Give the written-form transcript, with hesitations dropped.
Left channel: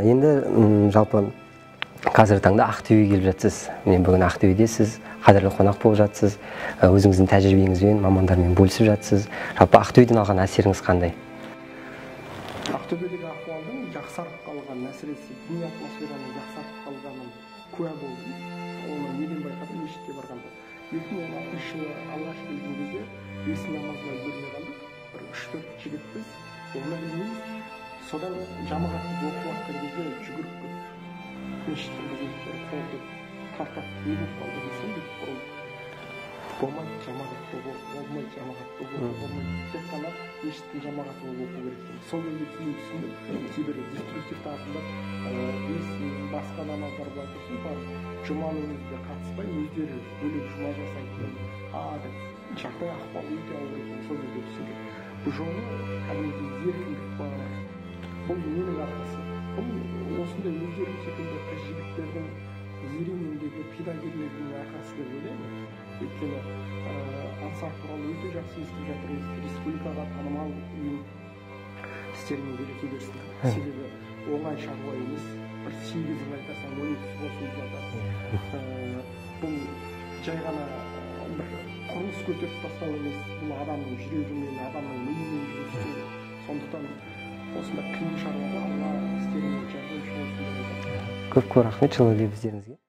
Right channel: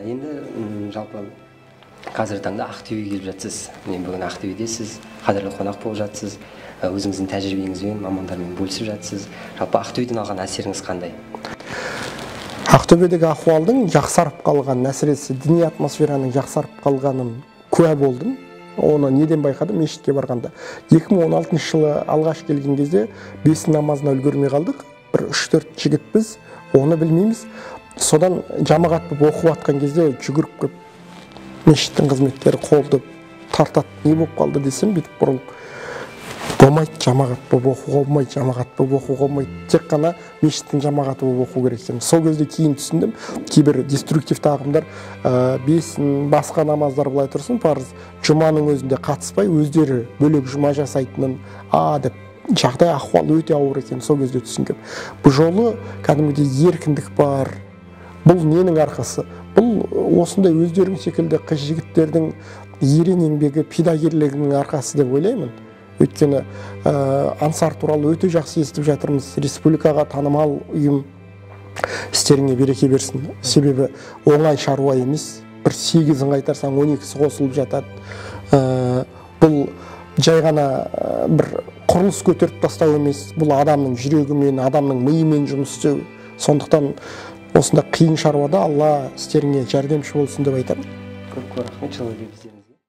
Енді жалпы қазіргі таңда Ақтөбеге келіп жатсыз. Мен бүгін Ақтөбеде сіз қадірлі қонақ болып жатсыз. Өзіңіздің тәжірибеңізбен, мамандармен бөлісіп жатсыз. Жалпы Ақтөбеден алған әсеріңіз қандай? Ақтөбедегі ахуалдың жақсарып қалған, әсіресе діни атмосфераның жақсарып қалғанын куә болдым. Оны неден байқадым? Мешітке барғанда. 2016 жылы алғаш келген кезде бесін намазына үлгермей қалдық. Бір 3-4 жігітпіз, оны білмейміз. Содан жамағат болып оқып жатқан кезде жүгіріп кеп мешіттің қызметкері қолды тартады. Не болып қалды десем, бүйтіп бұрылып, болмайды, жамағат болып оқуға болмайды, жамағат болып оқуға болмайды. Тек қана мешіттің жамағаты болып оқу керек. Сол кезде кейін түсіндім, кейбір деструктивті ағымдар бесін, басқа намаздар былай тұрсын, парыз жұманың өзінде қатыспай, өздері бөлек жұма жасайтынын, деп жағдай ахуал өте ауыр екен, сол кезде түсіндім. Бұл жолы кәдімгідей еркіндік бар. Бұл ненің арқасы? Бұл осындай өздерің секілді қыз жігіттердің ерен еңбегі, пидагерлігінің арқасы деп ойлаймын. Өйткені Ансар туралы өте жақсы естіп жатырмыз. Республикаға танымал ұйым, істеріңе береке берсін. Себебі оңай шаруа емес. Бір 8-ін қайтарсаң 12-сі қосылып жатады. Бұл жай ғана бір құрылыс көтеріп тастау емес. Бұл адамның жүрегімен, адамның миымен жұмыс істеу. Сондықтан осында қиын шаруада Алла істеріңе жәрдемші болсын деп айтамын. Көп рахмет жылы лебіздеріңізге.